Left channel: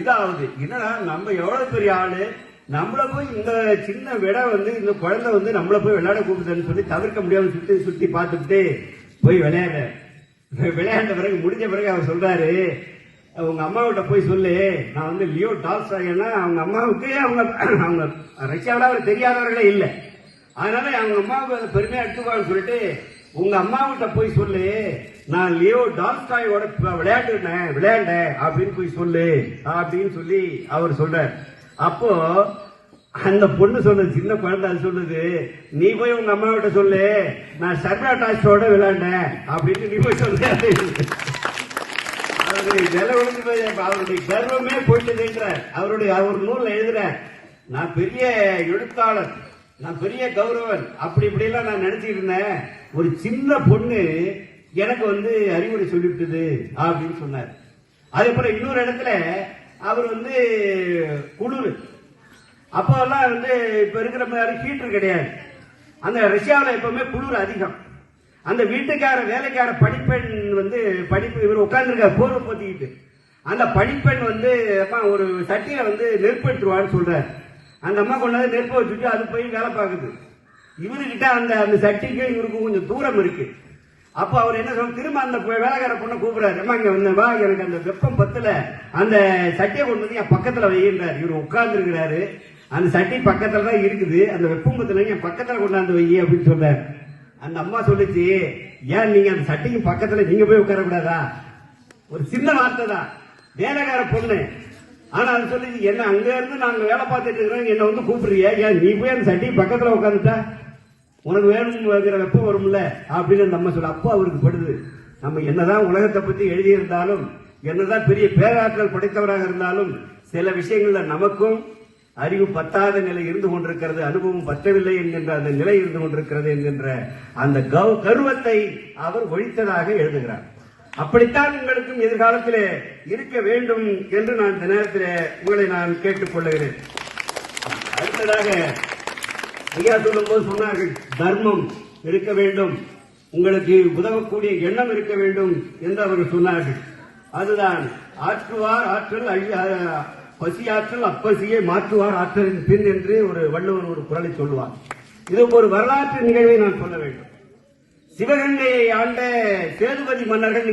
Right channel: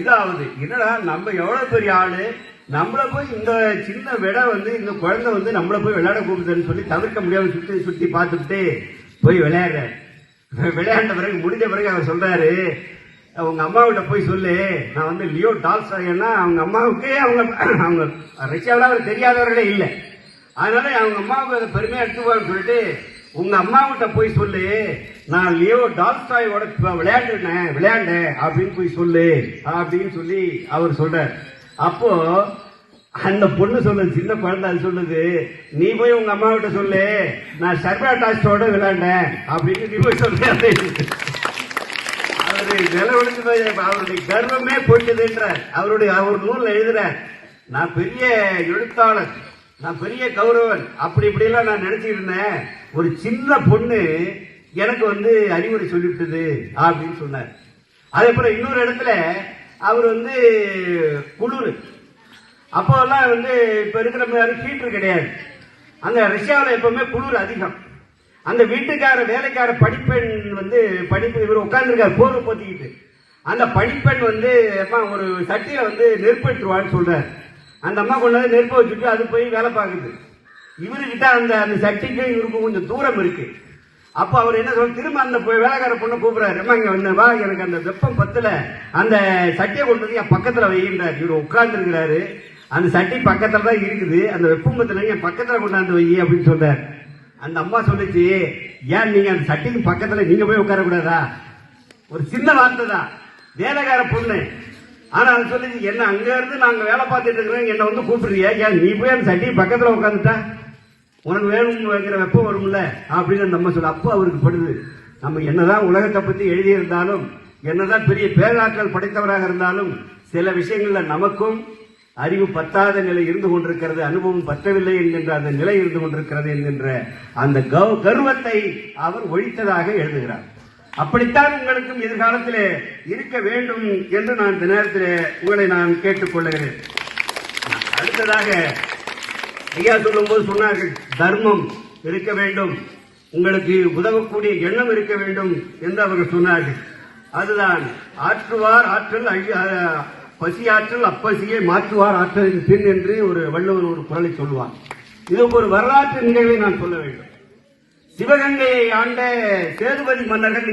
இதாவது என்னடா நம்ம எவ்வளவு பெரிய ஆளு, நம்மள போய் இந்த சின்ன விட இந்த குழந்தை நம்மள போய் விளையாட கூப்பிடுதுன்னு சொல்லி தவிர்க்க முடியாம சுத்தி சுத்தி பார்த்துட்டு போய் விளையாண்ட பிறகு முடிஞ்ச பிறகு அவர் சொல்றாரு, அவங்க அம்மாவிட்ட போய் சொல்லு, நான் லியோ டால்ஸ்டாய்னா அவங்க அம்மாவுக்கு அவங்க ரஷ்யாவில் அவர் தெரியாதவர்களே இல்லை, அதனால அவங்க அம்மாவுக்கு அதை பெருமையா எடுத்துவான்னு சொல்லிட்டு உங்க அம்மாவிட்ட போய் சொல்லு, நான் லியோ டால்ஸ்டாயோட விளையாண்டேன் அப்படின்னு போய் சொல்லு அப்படின்னு சொல்லி அவர் சொல்றாரு. அப்போ அந்த பொண்ணு சொல்லுது, சின்ன குழந்தை சொல்லுது, நீ போய் உங்க அம்மாவிட்ட சொல்லு, நான் சர்வா டால்ஸ்டாயோட விளையாண்டேன் அப்படின்னு நீ போய் சொல்லு. அவருடைய கர்வமே போயிட்டதுன்றார். அவர் நூல்ல எழுதுறார், நான் பெரிய எழுத்தாளர், நான் பெரிய கௌரவன், அப்படி இப்படி எல்லாம் நான் நினைச்சிட்டு இருந்தேன், ஒரு சின்ன பொண்ணு எனக்கு அறிவுரை சொல்லிவிட்டது அப்படின்னு சொன்னார். அதே போல இன்னொரு இடத்துல அவர் குளிர், அப்போ எல்லாம் இப்ப இருக்கிற மாதிரி ஹீட்டர் கிடையாது, அந்த ரஷ்யாவில் எப்பவுமே குளிர் அதிகம். அந்த வீட்டுக்கார வேலைக்கார படிப்பெண் படிப்பு இவர் உட்கார்ந்துருக்காரு போர்வை போத்திக்கிட்டு, அந்த படிப்பெண் ஒரு சட்டியில நெருப்பெடுத்துருவான்னு சொல்றாரு. அந்த அம்மா கொண்டு நெருப்ப வச்சுட்டு அது போய் வேலை பார்க்குது. இவருக்கிட்ட அந்த சட்டிக்கு இவருக்கு கொஞ்சம் தூரம் இருக்கு. அப்போ அவர் என்ன சொல்ற, திரும்ப அந்த வேலைக்கார பொண்ணு கூப்பிடுறாரு, அம்மா இங்க வா, எனக்கு அந்த வெப்பம் பத்துல அந்த சட்டியை கொண்டு என் பக்கத்துல வைகின்றார். இவர் உட்கார்ந்து இருக்கிறாரு, அந்த சட்டி பக்கத்துல தான் இருக்குது, அந்த வெப்பம் பத்துல என் பக்கத்துல கொண்டாந்து வை அப்படின்னு சொல்றாரு. அந்த அம்மா சொல்லுச்சு, ஏன் நீங்க அந்த சட்டிக்கு பக்கத்துல நீங்க போய் உட்கார கூடாதா? ஒரு சின்ன வார்த்தை தான், வேலைக்கார பொண்ணு. ஆனா அது சொல்லுச்சு, என்ன அங்க இருந்து நாங்க வேலை பார்த்துட்டு இருக்கிறோம், என்ன கூப்பிடுறியா, ஏன் நீ போய் அந்த சட்டி பக்கத்துல உட்காந்துட்டா உனக்கு வேணும் வைக்கிற வெப்பம் வரும்ல அப்படின்னு நம்ம சொல்ல. அப்போ அவருக்கு படுது, நம்ம என்னதான் உலகத்தை பத்தி எழுதியிருந்தாலும், என்னதான் பெரிய பேராற்றல் படைத்தவராக இருந்தாலும், சில விஷயங்கள்ல நமக்கும் அறிவு பத்தாத நிலை இருந்து கொண்டிருக்கிறது, அனுபவம் பத்தவில்லை என்கின்ற அந்த நிலை இருந்து கொண்டிருக்கிறது என்கின்ற அந்த கர்வத்தை அவர் ஒழித்ததாக எழுதுகிறார். அப்படித்தான் உங்களுக்கும் எதிர்காலத்தில் இருக்க வேண்டும் என்று நான் இந்த நேரத்தில் உங்களை நான் கேட்டுக் கொள்ளுகிறேன். அடுத்ததாக ஐயா சொல்லும் போது சொன்னார்கள், தர்மம் இருக்க வேண்டும், உங்களுக்கு உதவக்கூடிய எண்ணம் இருக்க வேண்டும் என்று அவர்கள் சொன்னார்கள். அதுதான் ஆற்றுவார் ஆற்றல் பசியாற்றல் அப்பசியை மாற்றுவார் ஆற்றலின் பின் என்று ஒரு வள்ளுவர் ஒரு குறளை சொல்லுவார். இது ஒரு வரலாற்று நிகழ்வை நான் சொல்ல வேண்டும். சிவகங்கையை ஆண்ட சேதுபதி மன்னர்கள்